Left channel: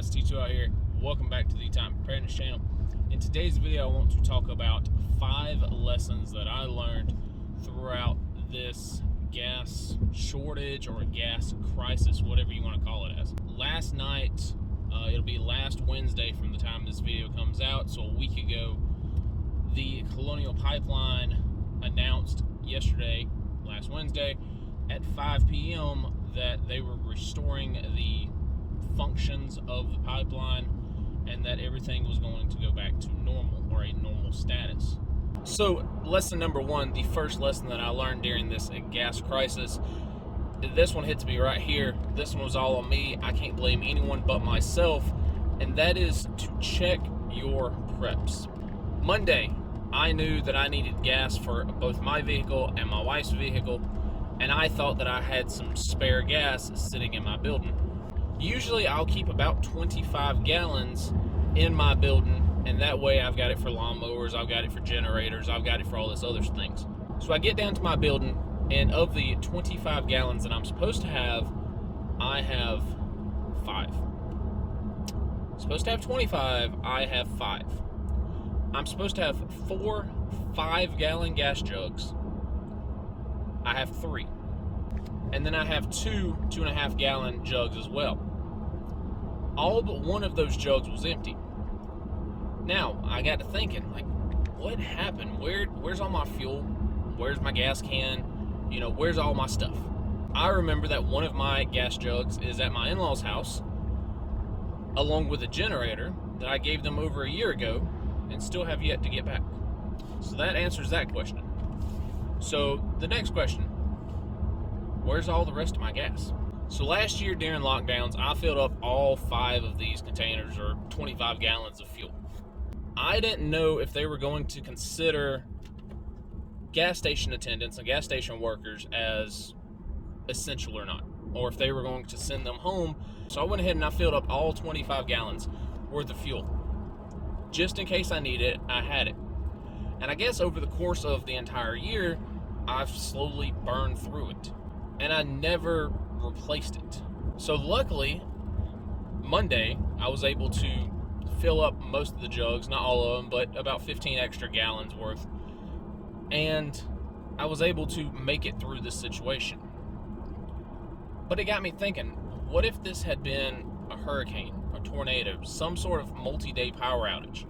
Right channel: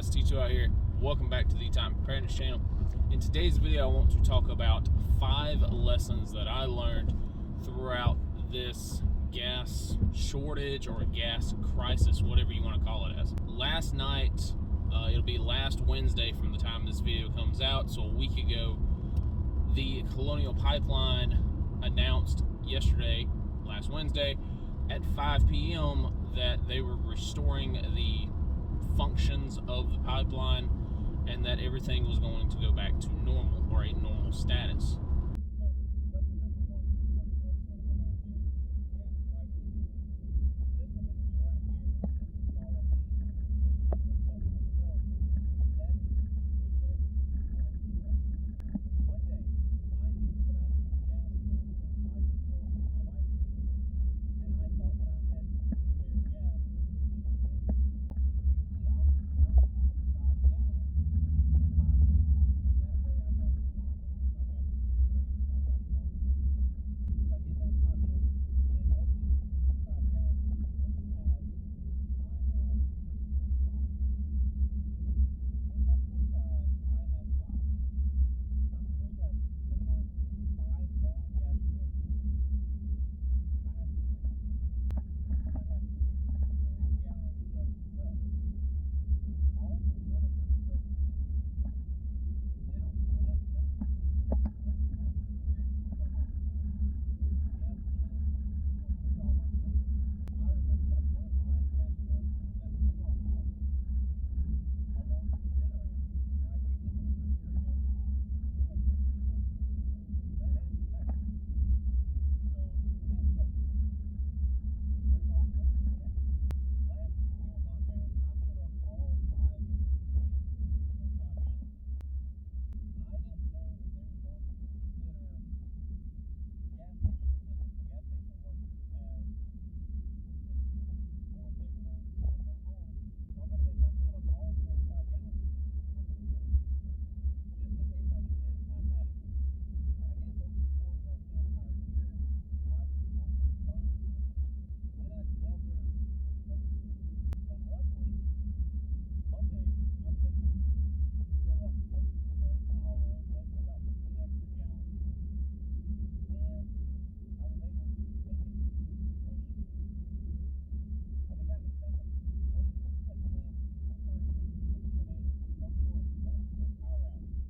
guys, T2 out here. Welcome back to the Time Preparedness channel. In today's video, I want to talk about 5 lessons that I learned throughout this gas shortage or gas crisis, whatever you want to call it as. Last night, it'll be last Wednesday from the time this video comes out, so a week ago, the Colonial Pipeline announced yesterday, last Wednesday, at 5 p.m. that they were restoring the functions of the pipeline and that everything was going to go back to normal or a normal status. So lesson number 1, the first lesson that I learned during this gas crisis, this one hits me right here. This one was all on me. I can't blame anyone but myself, and that is to check your preps. Monday, I knew that I needed gas for both my vehicle and my wife's vehicle, and I thought that I had some spare gas sitting in my building. Usually I'll keep about 25 gallons in my building, and that way I've got it for lawnmowers, I've got it for generators, I've got it for all this other things. So I get down to my building, and of the 25 gallons that I'm supposed to have, I have 5. Supposed to have 25, I have 5. I'm supposed to have 4 5-gallon gas jugs. I have 3. And then I have 2 2.5-gallon jugs as well. All but one of those jugs was empty. Now, I got to thinking, like, what happened? Where's all my fuel? Where's my gas can? You know, where's all my stuff? I remember that one of my gas jugs is at my in-laws' house, along with a generator that I gave them over a year ago and still have yet to get back. So that answers that question. So the next question, where's all the rest of my gas? So last year during lockdowns, I filled up all 5 of these containers, or 25 gallons of fuel. I didn't know if they were going to consider gas station attendants and gas station workers as essential or not, or if they were going to send them home. So I went ahead and I filled up all 25 gallons worth of fuel. Just in case I needed it, I had it. And I guess over the course of the entire year, I've slowly burned through it, and I never replaced it. So luckily, Monday, I was able to fill up most of the jugs, not all of them, but about 15 extra gallons worth, and I was able to make it through this situation. But it got me thinking, what if this had been a hurricane, a tornado, some sort of multi-day power outage?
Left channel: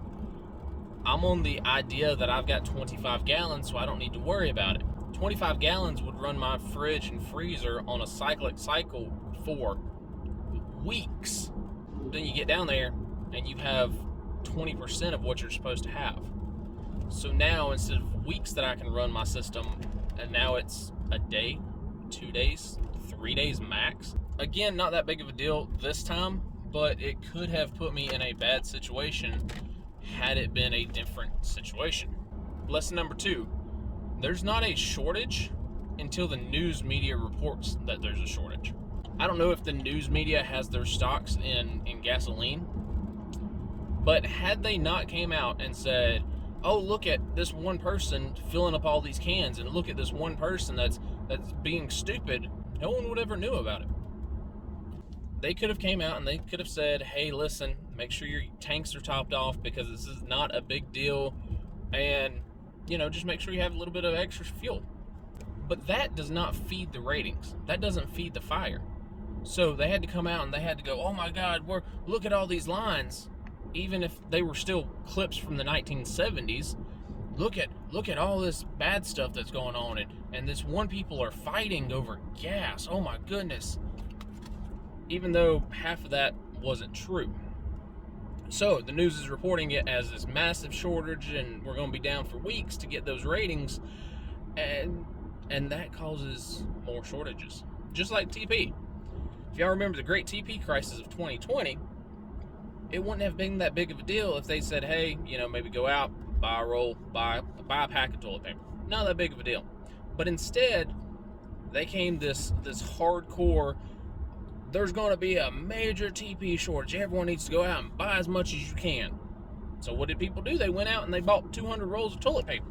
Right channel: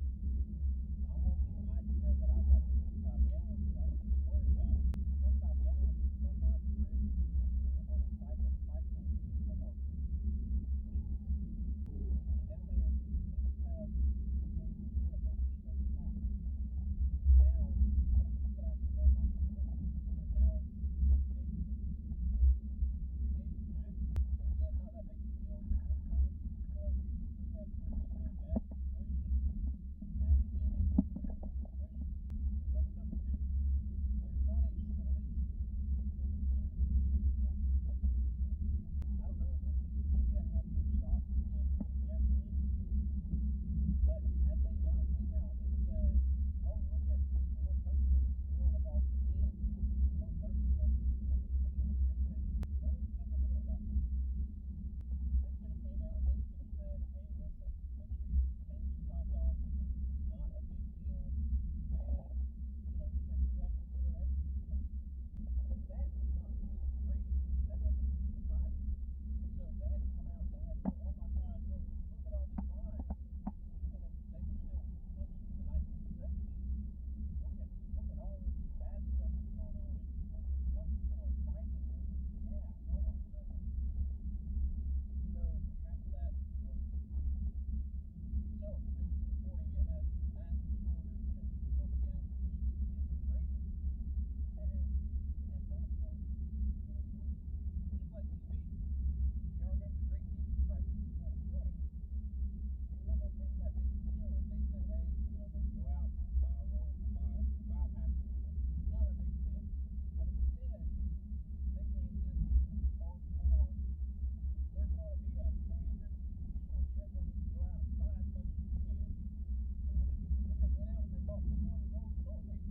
I'm on the idea that I've got 25 gallons, so I don't need to worry about it. 25 gallons would run my fridge and freezer on a cyclic cycle for weeks. Then you get down there and you have 20% of what you're supposed to have. So now instead of weeks that I can run my system, and now it's a day, 2 days, 3 days max. Again, not that big of a deal this time, but it could have put me in a bad situation had it been a different situation. Lesson number 2. There's not a shortage until the news media reports that there's a shortage. I don't know if the news media has their stocks in gasoline, but had they not came out and said, oh, look at this one person filling up all these cans, and look at this one person that's being stupid, no one would ever knew about it. They could have came out and they could have said, hey, listen, make sure your tanks are topped off because this is not a big deal, and you know, just make sure you have a little bit of extra fuel. But that does not feed the ratings. That doesn't feed the fire. So they had to come out and they had to go, oh my God, look at all these lines. Even if they were still clips from the 1970s, look at all this bad stuff that's going on, and this one people are fighting over gas. Oh my goodness. Even though half of that wasn't true. So the news is reporting it as this massive shortage, and we're going to be down for weeks to get those ratings, and that causes more shortages. Just like TP. If y'all remember the great TP crisis of 2020, it wouldn't have been that big of a deal if they said, hey, you know, maybe go out, buy a roll, buy a pack of toilet paper. Not that big of a deal. But instead, they came this hardcore, there's going to be a major TP shortage. Everyone needs to go out and buy as much as you can. So what did people do? They went out and they bought 200 rolls of toilet paper.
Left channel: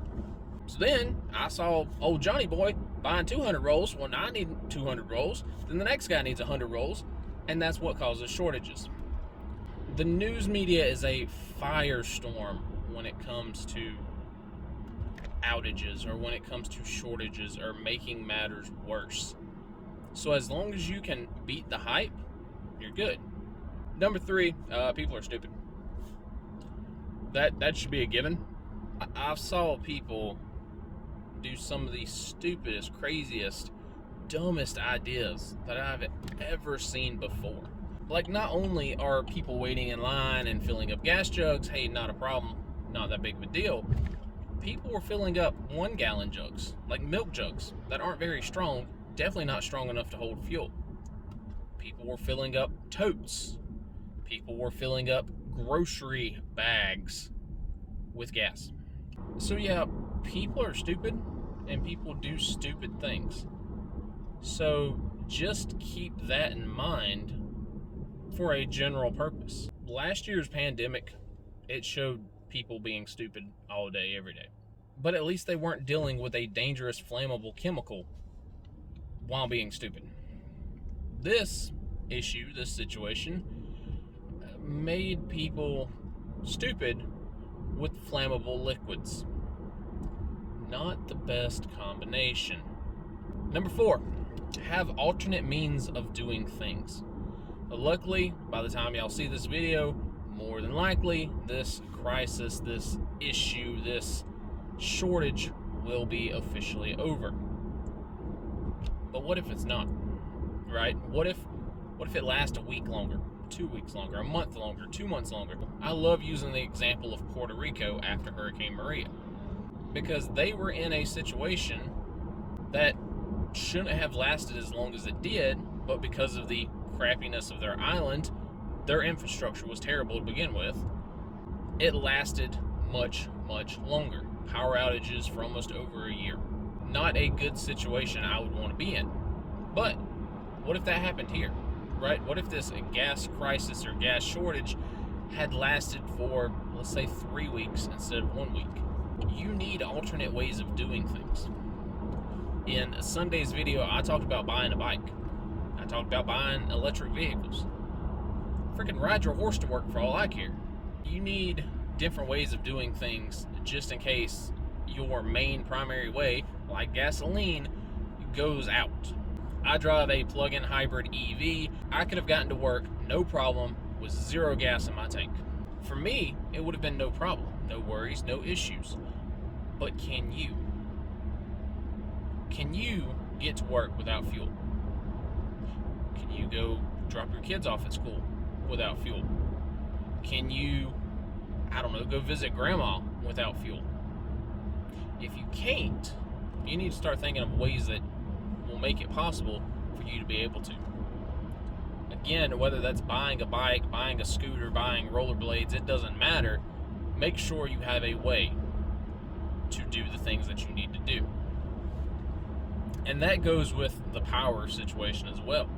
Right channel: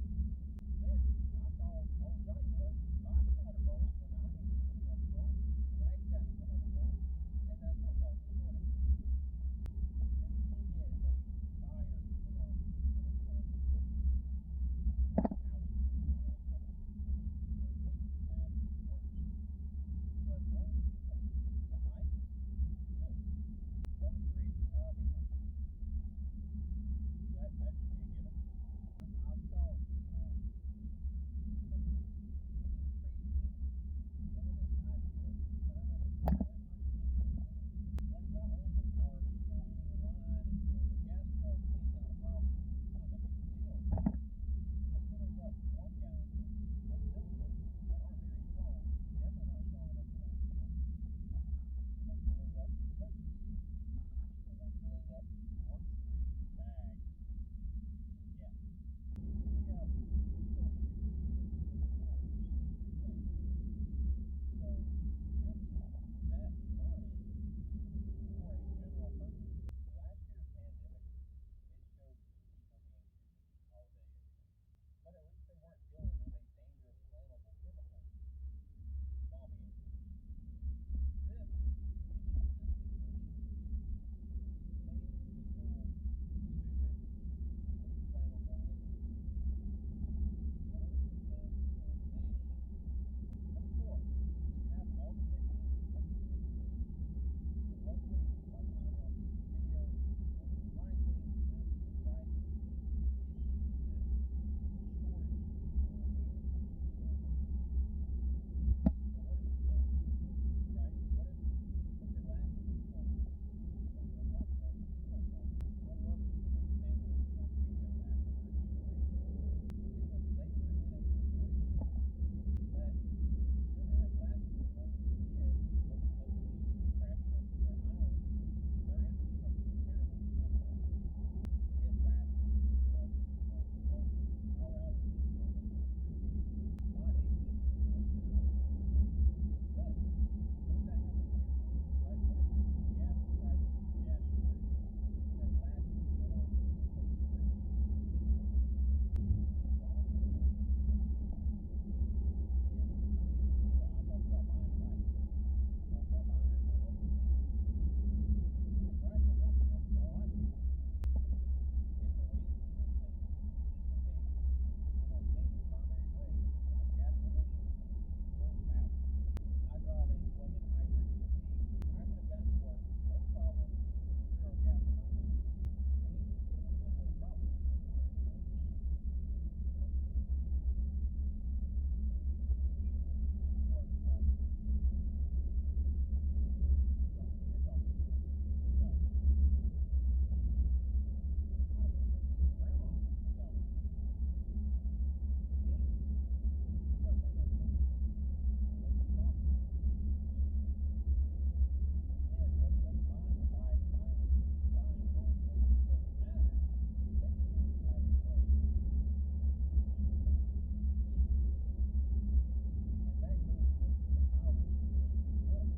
So then I saw old Johnny boy buying 200 rolls. Well, now I need 200 rolls. Then the next guy needs 100 rolls. And that's what causes shortages. The news media is a firestorm when it comes to outages or when it comes to shortages or making matters worse. So as long as you can beat the hype, you're good. Number 3, people are stupid. That should be a given. I saw people do some of the stupidest, craziest, dumbest ideas that I've ever seen before. Like, not only are people waiting in line and filling up gas jugs, hey, not a problem, not that big of a deal. People were filling up 1-gallon jugs, like milk jugs, that aren't very strong, definitely not strong enough to hold fuel. People were filling up totes. People were filling up grocery bags with gas. So yeah, people are stupid and people do stupid things. So just keep that in mind for a general purpose. Last year's pandemic, it showed people being stupid all day, every day. But at least they weren't dealing with a dangerous, flammable chemical while being stupid. This issue, this situation, made people stupid with flammable liquids. Not the best combination. Number 4, have alternate means of doing things. Luckily, by the time y'all see this video, more than likely, this crisis, this issue, this shortage will be officially over. But what if it's not, right? What if it lasts a week longer, 2 weeks longer, a month longer, 2 months longer? I love using the example of Puerto Rico after Hurricane Maria, because they were in a situation that shouldn't have lasted as long as it did, but because of the crappiness of their island, their infrastructure was terrible to begin with, it lasted much, much longer. Power outages for almost over a year. Not a good situation I would want to be in. But what if that happened here, right? What if this gas crisis or gas shortage had lasted for, let's say, 3 weeks instead of 1 week? You need alternate ways of doing things. In Sunday's video, I talked about buying a bike. I talked about buying electric vehicles. Freaking ride your horse to work for all I care. You need different ways of doing things just in case your main primary way, like gasoline, goes out. I drive a plug-in hybrid EV. I could have gotten to work no problem with 0 gas in my tank. For me, it would have been no problem. No worries, no issues. But can you? Can you get to work without fuel? Can you go drop your kids off at school without fuel? Can you, I don't know, go visit grandma without fuel? If you can't, you need to start thinking of ways that will make it possible for you to be able to. Again, whether that's buying a bike, buying a scooter, buying rollerblades, it doesn't matter. Make sure you have a way to do the things that you need to do. And that goes with the power situation as well.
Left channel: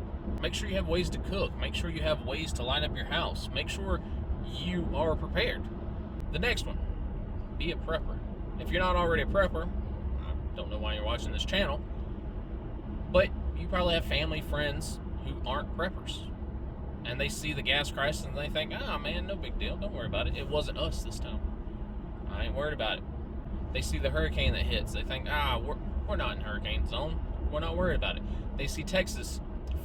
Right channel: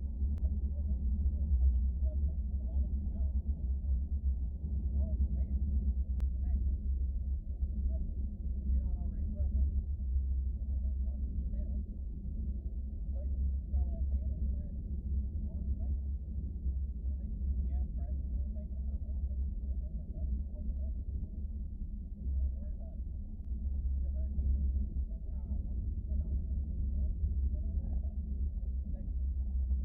Make sure you have ways to cook. Make sure you have ways to light up your house. Make sure you are prepared. The next one, be a prepper. If you're not already a prepper, I don't know why you're watching this channel, but you probably have family, friends who aren't preppers. And they see the gas crisis and they think, oh man, no big deal, don't worry about it. It wasn't us this time. I ain't worried about it. They see the hurricane that hits, they think, we're not in hurricane zone. We're not worried about it. They see Texas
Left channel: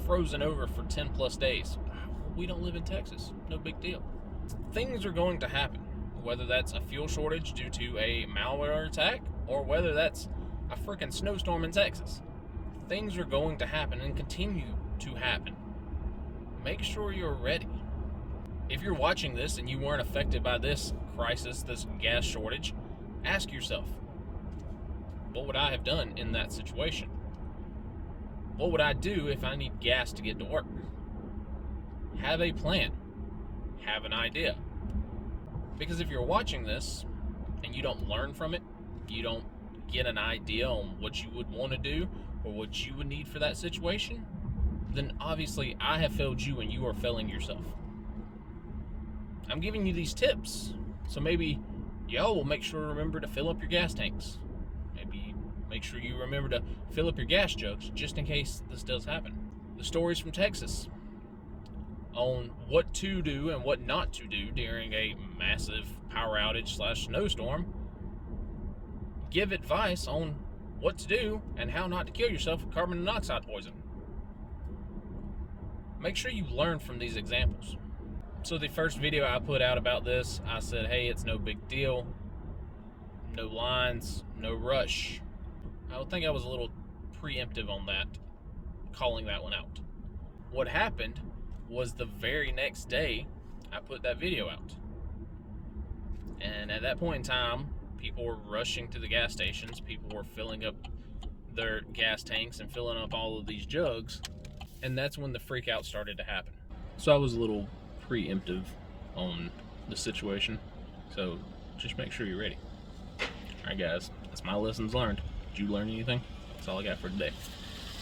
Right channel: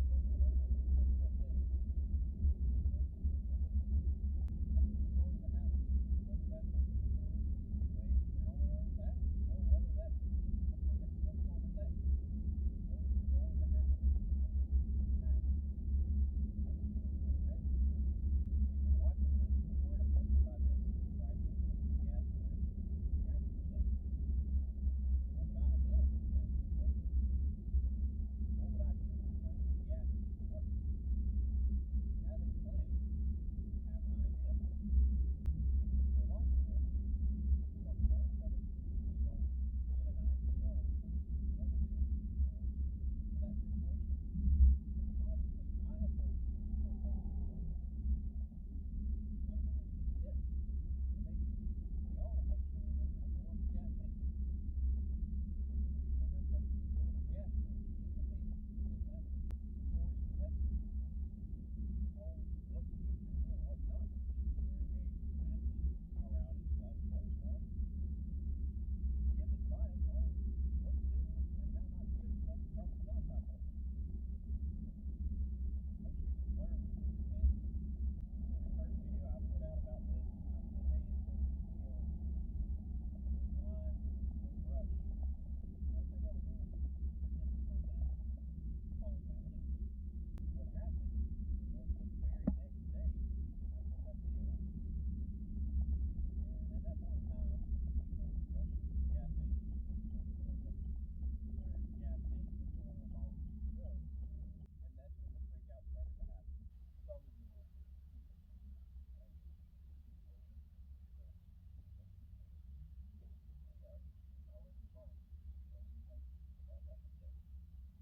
frozen over for 10 plus days. We don't live in Texas, no big deal. Things are going to happen, whether that's a fuel shortage due to a malware attack or whether that's a freaking snowstorm in Texas. Things are going to happen and continue to happen. Make sure you're ready. If you're watching this and you weren't affected by this crisis, this gas shortage, ask yourself, what would I have done in that situation? What would I do if I need gas to get to work? Have a plan. Have an idea. Because if you're watching this and you don't learn from it, you don't get an idea on what you would want to do or what you would need for that situation, then obviously I have failed you and you are failing yourself. I'm giving you these tips, so maybe y'all will make sure to remember to fill up your gas tanks. Maybe make sure you remember to fill up your gas jugs just in case this does happen. The stories from Texas. on what to do and what not to do during a massive power outage / snowstorm. Give advice on what to do and how not to kill yourself with carbon monoxide poisoning. Make sure you learn from these examples. So the first video I put out about this, I said, hey, it's no big deal. No lines, no rush. I would think I was a little preemptive on that, calling that one out. What happened was the very next day, I put that video out. And at that point in time, people were rushing to the gas stations. People were filling up their gas tanks and filling up all of these jugs. And that's when the freak out started to happen. So I was a little preemptive on the situation. So just make sure you're ready. All right, guys, that's my lessons learned. Did you learn anything? That's all I got for today.